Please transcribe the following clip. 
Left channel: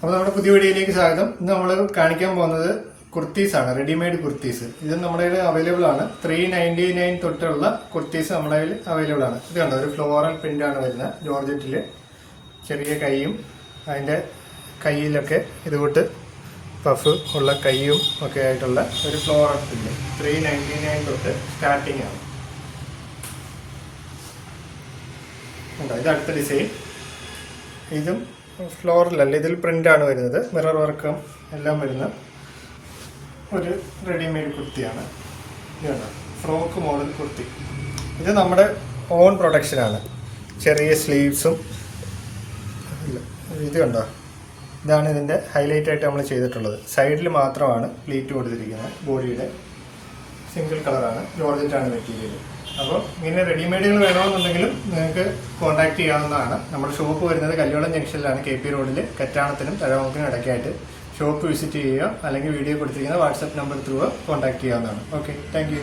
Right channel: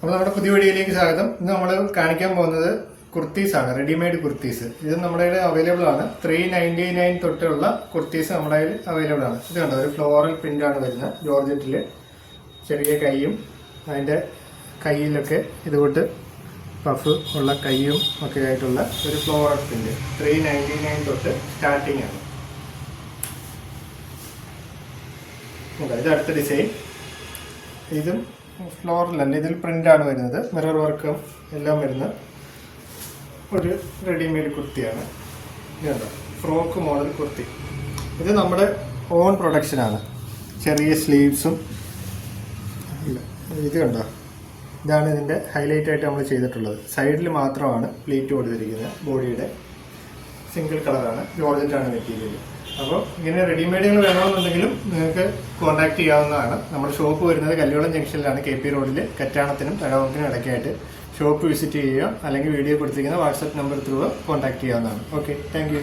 അപ്പോൾ നമ്മുടെ പുതിയ വീഡിയോയിലേക്ക് സ്വാഗതം. ഇന്ന് നമ്മൾ കാണിക്കാൻ പോകുന്നത് കുർത്തീസ് ആണ്, റെഡിമെയ്ഡ് കുർത്തീസ്. ഇത് നമ്മുടെ കയ്യിൽ അവൈലബിൾ ആണ്. 399 തൊട്ടുള്ള കുർത്തീസ് നമ്മുടെ കയ്യിൽ അവൈലബിൾ ആണ്. ഇത് കണ്ടോ, ഒരു ഫ്ലോറൽ പ്രിന്റ് ആണ് വരുന്നത്. ജോർജറ്റില് ചെറിയ കൈയും അതിന്റെ കയ്യിലൊക്കെ ഇതുകൂട്ട് പഫ് ഉള്ള കൈയും ഒക്കെ ആയിട്ടുള്ള ഒരു ഫ്ലോറൽ പ്രിന്റ് 399 തൊട്ട് സ്റ്റാർട്ടിങ് ആണ്. ഇത് അടുത്ത ഡിസൈൻ. ഇതും ഫ്ലോറിലല്ല, ഇതിൽ പ്രിന്റാണ് വരുന്നത്. മിറർ വർക്കും എല്ലാം വരുന്ന ഒരു റെഡിമെയ്ഡ് കുർത്തിയാണ്. ഇതുണ്ടോ, ഫ്രോക്ക് മോഡൽ കുർത്തി. ഇത് നമ്മുടെ ഓൺ പ്രൊഡക്ഷനാണ്. ചെറിയ സ്ലീവ്സും ഇത് കണ്ടോ, ഇതാണ് ഇതിൻ്റെ ഹൈലൈറ്റ് ആയിട്ട് നമ്മൾ ചെയ്തിട്ടുള്ളത്. സൈഡിൽ മാത്രമാണ് പ്ലീറ്റ് കൊടുത്തിരിക്കുന്നത്. ബോഡിയുടെ സിംഗിൾ കളറാണ്, ജോർജറ്റാണ് മെറ്റീരിയൽ. അപ്പോൾ ഇങ്ങനെ റെഡിമെയ്ഡുകൾ വേണമെന്നുണ്ടെങ്കിലും നിങ്ങൾക്ക് കോൺടാക്ട് ചെയ്യാവുന്നതാണ്. നമ്മുടെ ഷോപ്പ് വരുന്നത് കല്യോളം ജംഗ്ഷനിലാണ്, KP റോഡിൽ, കറ്റാണത്തിനും തഴവത്തിനും ഇടയ്ക്കായിട്ട്. ഷോപ്പ് വിസിറ്റ് ചെയ്യുക, അല്ലെങ്കിൽ വീഡിയോ കൊടുത്തിരിക്കുന്ന വാട്സാപ്പ് നമ്പർ ത്രൂ കോൺടാക്ട് ചെയ്യാവുന്നതാണ്. Okay, thank you.